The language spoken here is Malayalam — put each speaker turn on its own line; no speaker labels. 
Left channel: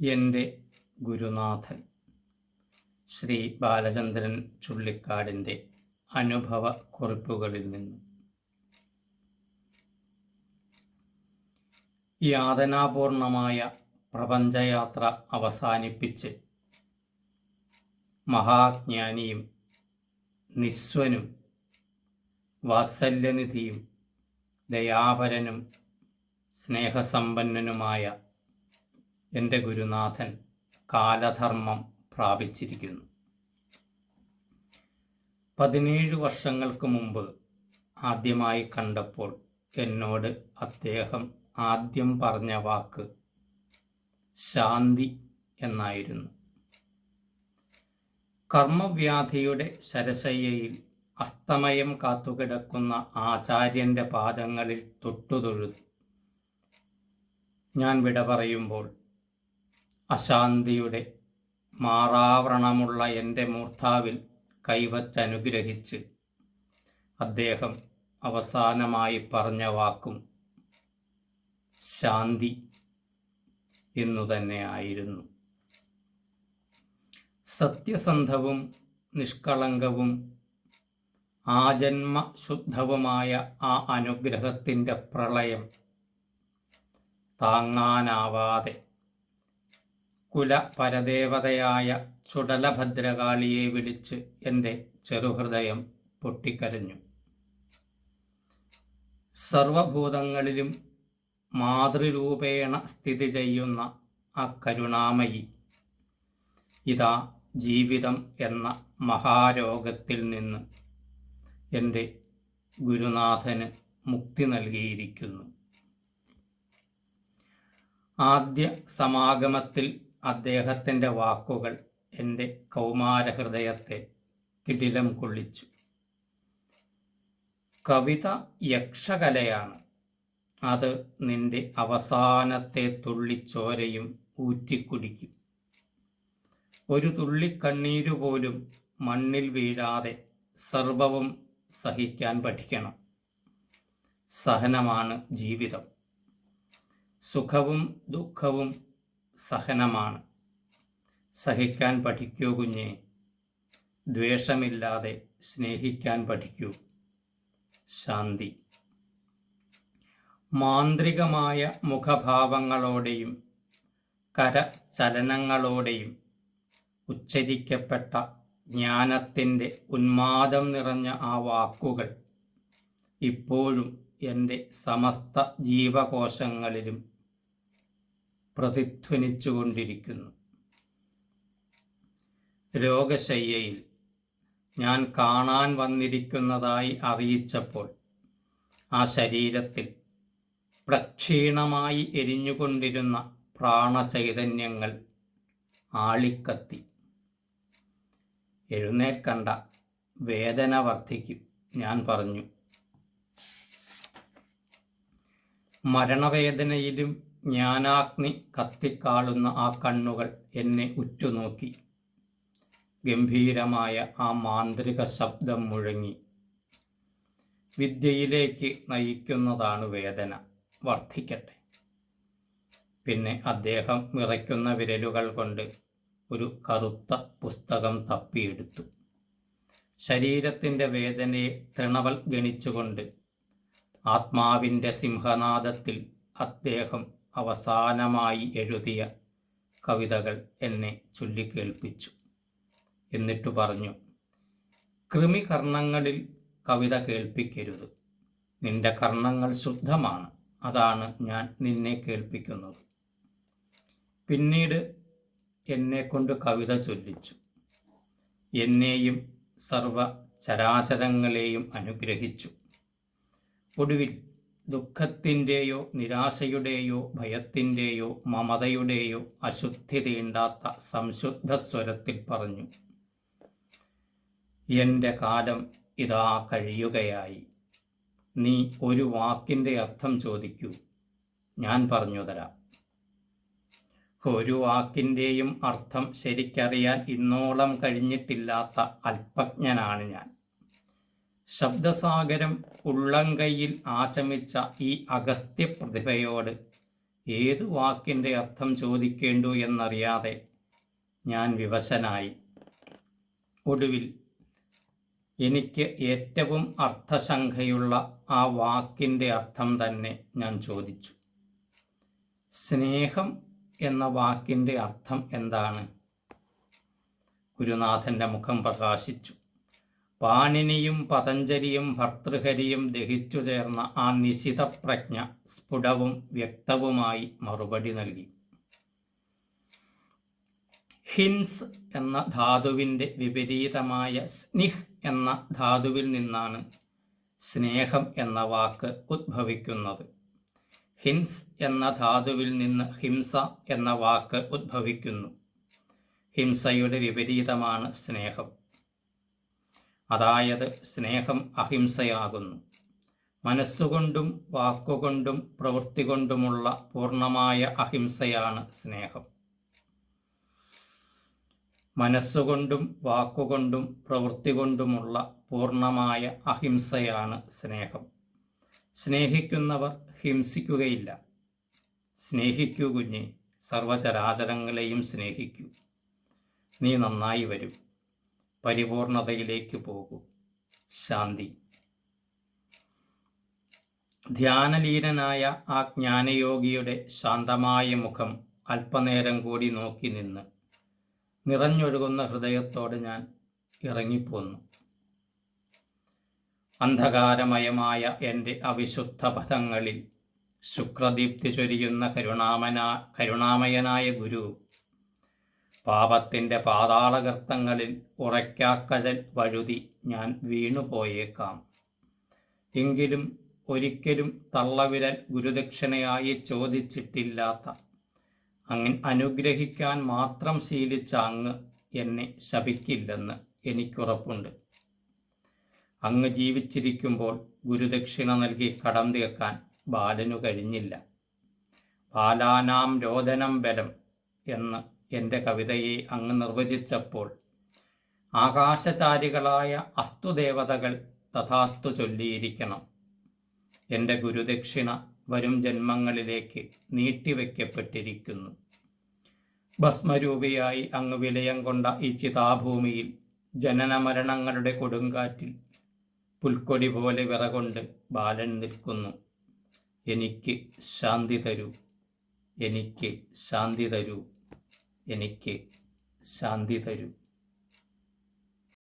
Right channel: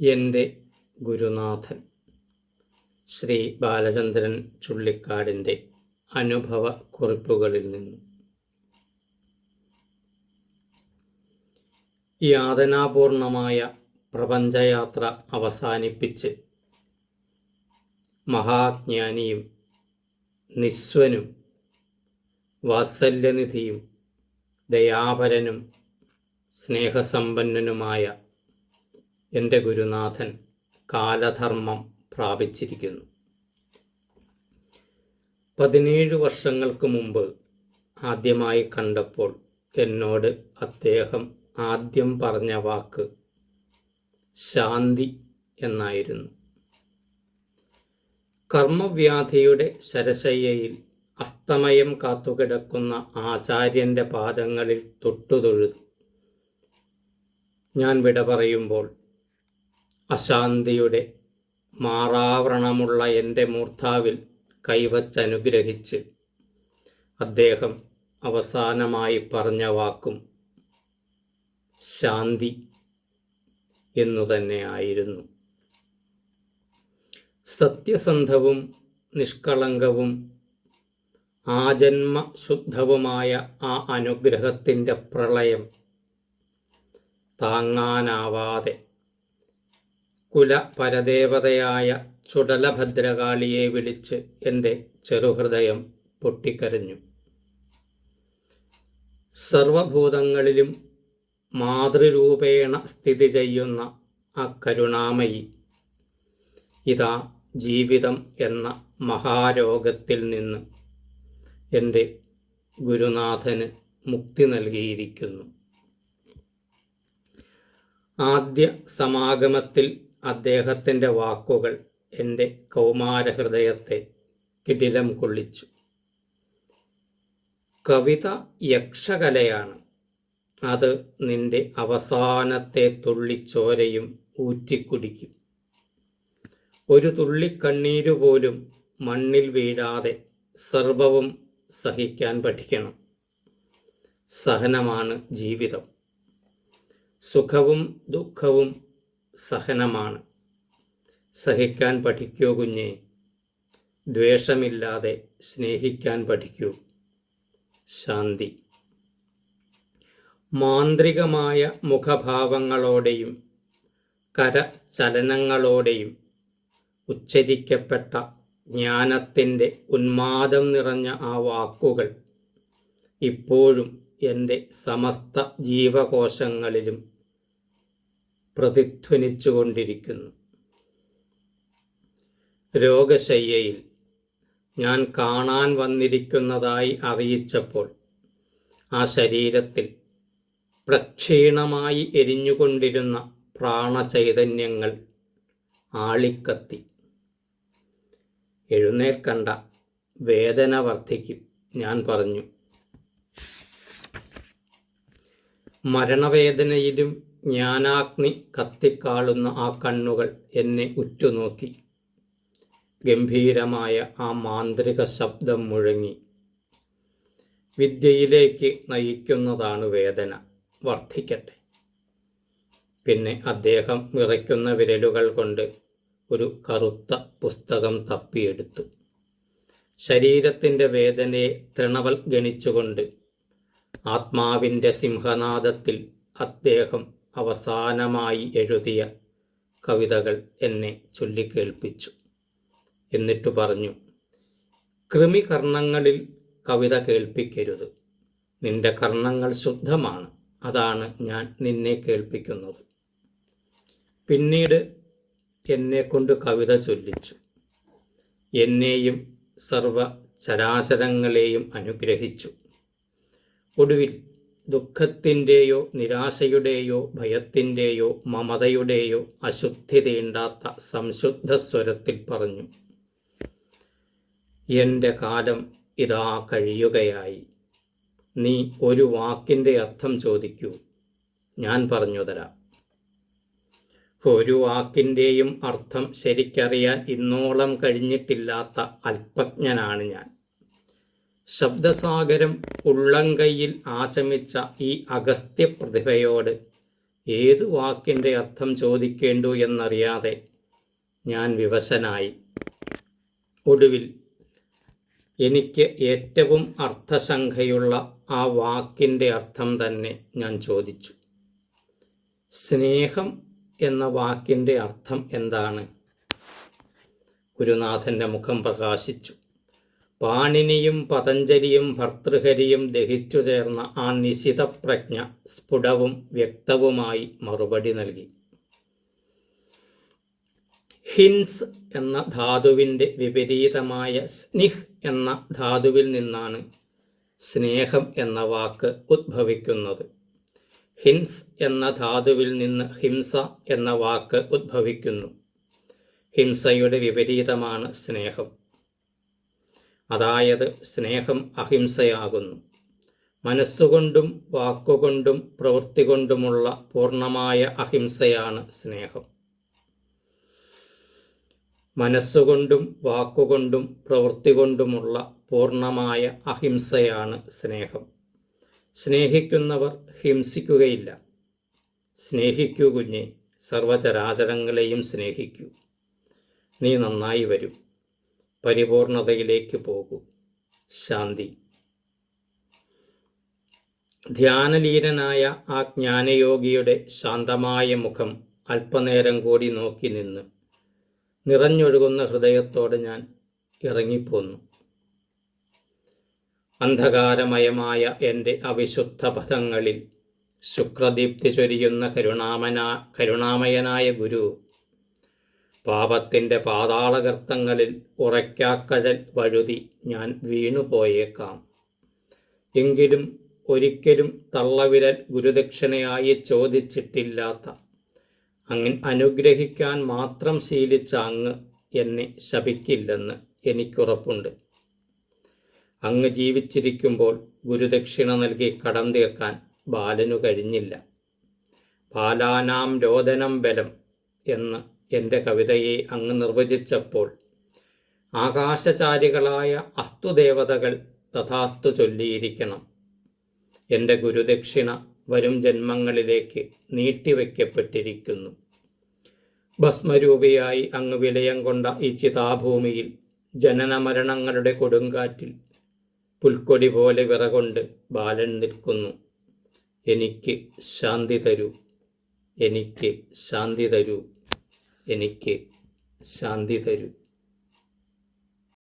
എന്റെ ഗുരുനാഥൻ. ശ്രീ ബാലചന്ദ്രൻ ചുള്ളിക്കാടിന്റെ അനുഭവ കുറിപ്പുകളിൽ നിന്ന്. യാതനാപൂർണമായ പ്രപഞ്ചയാത്ര അവസാനിപ്പിച്ച് മഹാജ്ഞാനിയും നിസ്വനും വാത്സല്യനിധിയും ദയാപരനും സ്നേഹസമ്പന്നനുമായ എന്റെ ഗുരുനാഥൻ കാലധർമ്മം പ്രാപിച്ചിരിക്കുന്നു. പതിനേഴ് വർഷങ്ങൾക്ക് മുമ്പ് ആദ്യമായി കണ്ടപ്പോൾ എന്നോട് അദ്ദേഹം ആദ്യം പറഞ്ഞ വാക്ക് ശാന്തി എന്നായിരുന്നു. കർമ്മവ്യാധിയുടെ ശരശയ്യയിൽ അസ്തമയം കാത്തുകിടക്കുന്ന ആചാര്യന്റെ പാദങ്ങളിൽ തൊട്ടുതൊഴുതി. ഞാൻ വിട പറയുമ്പോൾ അശാന്തിയുടെ മാറാവരണമുള്ള എന്റെ മൂർധാവിൽ കൈവച്ചനുഗ്രഹിച്ച് അദ്ദേഹം അവസാനമായി പറഞ്ഞ വാക്കും ശാന്തി എന്നു തന്നെയായിരുന്നു സത്യസന്ധവും നിഷ്കളങ്കവും ആജന്മ ശുദ്ധവുമായ ആ അനുഗ്രഹത്തിന്റെ പ്രളയം താങ്ങാനാവാതെ കുല പരദേവതയായ ചുടലഭദ്രകാളിയെ വിളിച്ച് എന്റെ ചെറുഹൃദയം പൊട്ടിക്കരഞ്ഞു. സർവഭൂതങ്ങളിലും മാതൃരൂപേണ സ്ഥിതി ചെയ്യുന്ന ആ കരുണാമയി ഇതാ ജീവിതം എന്ന മഹാരോഗത്തിൽ നിന്ന് എന്റെ ഗുരുനാഥന് മുക്തി നൽകിയിരിക്കുന്നു. ആദ്യ സമാഗമത്തിൽ അദ്ദേഹത്തിന്റെ വാക്കുകൾ എന്റെ കൗമാരഹൃദയത്തെ കിടിലം കൊള്ളിച്ചു. കവിത യക്ഷകലയാണ്. അത് നിന്റെ അവസാനത്തെ തുള്ളിച്ചോരയും ഊറ്റിക്കുടിക്കും. ഒരു തുള്ളിക്കണ്ണീരു പോലും മണ്ണിൽ വീഴാതെ സർവവും സഹിക്കാൻ പഠിക്കണം. സഹനമാണ് ജീവിതം. സുഖവും ദുഃഖവും സഹനമാണ്. സഹിക്കാൻ പഠിക്കൂ കുഞ്ഞെ. ദ്വേഷമില്ലാതെ സ്നേഹിക്കാൻ പഠിക്കൂ. ശാന്തി. മാന്ത്രികമായ മുഖഭാവങ്ങളോടെയും കരചലനങ്ങളോടെയും ഉച്ചരിക്കപ്പെട്ട ജ്ഞാനത്തിന്റെ ഉന്മാദം നിറഞ്ഞ ആ വാക്കുകൾ ഇപ്പോഴും എന്റെ സമസ്ത ജീവകോശങ്ങളിലും പ്രതിധ്വനിച്ചുകൊണ്ടിരിക്കുന്നു. രോഗശയ്യയിൽ ഞാൻ കാണാൻ വന്നിരിക്കുന്നതായി അറിയിച്ചപ്പോൾ ആ ശരീരത്തിൽ പ്രക്ഷീണമായി എരിഞ്ഞുകൊണ്ടിരുന്ന പ്രാണചൈതന്യങ്ങൾ ആളിക്കത്തി. എഴുന്നേൽക്കണ്ട വേദന വർദ്ധിക്കും ഞാൻ പറഞ്ഞു. മരണവേദനയിലും ജ്ഞാനാഗ്നി കത്തിക്കാളുന്ന ആ കണ്ണുകൾ എന്നെ ഉറ്റുനോക്കി. ഗംഭീരമായ ആ മാന്ത്രിക ശബ്ദം മുഴങ്ങി. വിദ്യയിലേക്ക് നയിക്കുന്നതാണ് വേദന. വർദ്ധിക്കട്ടെ. പിന്നെ അദ്ദേഹം വിറയ്ക്കുന്ന വിരലുകൾ കൊണ്ട് ഒരു കറുത്ത പുസ്തകം തപ്പിയെടുത്തു. ശരീരത്തിന്റെ വേദനയെ തൃണവൽ ഗണിച്ചുകൊണ്ട് ആത്മാവിന്റെ സിംഹനാദത്തിൽ അദ്ദേഹം അവസാനമായി എഴുതിയ കവിതകൾ എന്നെ ചൊല്ലിക്കേൾപ്പിച്ചു. എന്നിട്ടു പറഞ്ഞു കൃമികർണങ്ങളിൽ കവിത കേൾപ്പിക്കരുത്. നിന്റെ കർണങ്ങൾ ശുദ്ധമാണ്. അതാണ് ഞാൻ നിന്നെ കേൾപ്പിക്കുന്നത്. പിന്നീട് എന്നെക്കൊണ്ട് കവിത ചൊല്ലിച്ചു. എന്നെയും സർവ ചരാചരങ്ങളെയും അനുഗ്രഹിച്ചു. ഒടുവിൽ ദുഃഖത്തിന്റെയോ നിരാശയുടെയോ ഭയത്തിന്റെയോ മമതയുടെയോ അശുദ്ധി തീണ്ടാത്ത സംശുദ്ധ സ്വരത്തിൽ പറഞ്ഞു. എന്റെ കാലം ഇതാ കഴിയുകയായി. നീ ഒരു വാക്കിന്റെ അർത്ഥം ചോദിക്കൂ. ഞാൻ പറഞ്ഞു തരാം. ഒരു വാക്കിന്റെയും അർത്ഥം ശരിക്കറിയാൻ ഇന്നോളം കഴിഞ്ഞിട്ടില്ലാത്ത അല്പജ്ഞനാണ് ഞാൻ. ശബ്ദസാഗരം ഉള്ളങ്കയിൽ ആചമിച്ച ഈ അഗസ്ത്യ പ്രതിഭയോട് ഏത് വാക്കിന്റെ അർത്ഥം ചോദിക്കേണ്ടു എന്നറിയാതെ ഞാൻ വിവശനായി. ഒടുവിൽ എനിക്ക് ഏറ്റവും അർത്ഥശങ്കയുള്ള ആ വാക്കിന്റെ അർത്ഥം തന്നെ ഞാൻ ചോദിച്ചു. സ്നേഹം എന്ന വാക്കിന്റെ അർത്ഥം എന്താണ്? ഗുരുനാഥന്റെ മുഖം പ്രകാശിച്ചു. പാണിനിയും പതഞ്ജലിയും ഭർത്തൃഹരിയും ദഹിച്ചു ചേർന്ന ആ നിശിതപ്രജ്ഞ സ്ഫുടവും വ്യക്തവുമായി മറുപടി നൽകി. ഹിൻസ് എന്ന ധാതുവിന്റെ വിപരീതമായ സ്നിഹ് എന്ന ധാതുവിൽ നിന്നാണ് സ്നേഹം എന്ന വാക്ക് ഉദ്ഭവിക്കുന്നത്. ഹിൻസ് എന്ന ധാതുവിൽ നിന്ന് ഹിംസ എന്ന വാക്ക് ഉദ്ഭവിക്കുന്നു. ഹിംസയുടെ വിപരീതമാണ് സ്നേഹം. അതായത് സ്നേഹം അഹിംസയാകുന്നു. മനസ്സുകൊണ്ടും വാക്കുകൊണ്ടും പ്രവൃത്തി കൊണ്ടുമുള്ള പൂർണമായ അഹിംസയാണ് സ്നേഹം. മനസ്സുകൊണ്ടും വാക്കുകൊണ്ടും പ്രവൃത്തി കൊണ്ടുമുള്ള പൂർണമായ അഹിംസയാണ് സ്നേഹം. സ്നേഹിക്കുന്നവർ ഹിംസിക്കുകയില്ല. സ്നേഹിക്കൂ കുഞ്ഞെ സർവചരാചരങ്ങളെയും സ്നേഹിക്കൂ. നീ നന്നായി വരും. പരിപൂർണതയിലേക്ക് പോകൂ. ശാന്തി. ധ്യാനലീനനായ ആ ജ്ഞാനയോഗിയുടെ ശാന്തമായ മുഖം അല്പനേരം കൂടി നോക്കി നിന്ന് നിറഞ്ഞൊഴുകുന്ന ഹൃദയത്തോടെ ഞാൻ ഇറങ്ങിപ്പോന്നു. അന്ധകാരമയമായ എന്റെ അവിശുദ്ധ പഥങ്ങളിൽ ശുക്രദീപ്തി ചൊരിയുന്ന കരുണാമന കരുണാമയനായ ഗുരു പാപത്തിന്റെ പാതാളകർത്തങ്ങളിൽ ഉറയ്ക്കാക്കഴൽ വഴുതി ഞാൻ വീണുപോയേക്കാം. എങ്കിലും ഒരിക്കലും തള്ളവിരൽ ഗുരുദക്ഷിണയായി ചോദിച്ചിട്ടില്ലാത്ത അങ്ങ് അനുഗ്രഹിക്കാൻ മാത്രം ശീലിച്ച അങ്ങ് എന്നെ ശപിക്കില്ലെന്ന് എനിക്കുറപ്പുണ്ട്. അങ്ങ് ജീവിച്ചിരിക്കുമ്പോൾ ഗുരുദക്ഷിണ നൽകി കടം തീർക്കാൻ ബാലനു കഴിഞ്ഞില്ല. ബാലാനാം രോദനം ബലം എന്ന് എന്റെ കവിതയെ അങ്ങ് നിർവചിച്ചപ്പോൾ ആകാശചാരികളായ അസ്തുദേവതകൾ തഥാസ്തു ചൊല്ലിയിരിക്കണം. എന്റെ ഗുരുദക്ഷിണ വരും ജന്മങ്ങളിലേക്ക് നീട്ടിവെക്കപ്പെട്ടിരിക്കുന്നു. ഭസ്മരൂപിയായി അങ്ങ് വിലയം കൊണ്ട ഈ ചിതാഭൂമിയിൽ ജനനമരണങ്ങളുടെ കൊടുങ്കാറ്റിൽ പുൽക്കൊടി പോലെ വിറകൊണ്ട് ബാലൻ നിൽക്കുന്നു. എനിക്ക് ശാന്തി തരൂ എനിക്ക് ശാന്തി തരൂ. എനിക്ക് ശാന്തി തരൂ.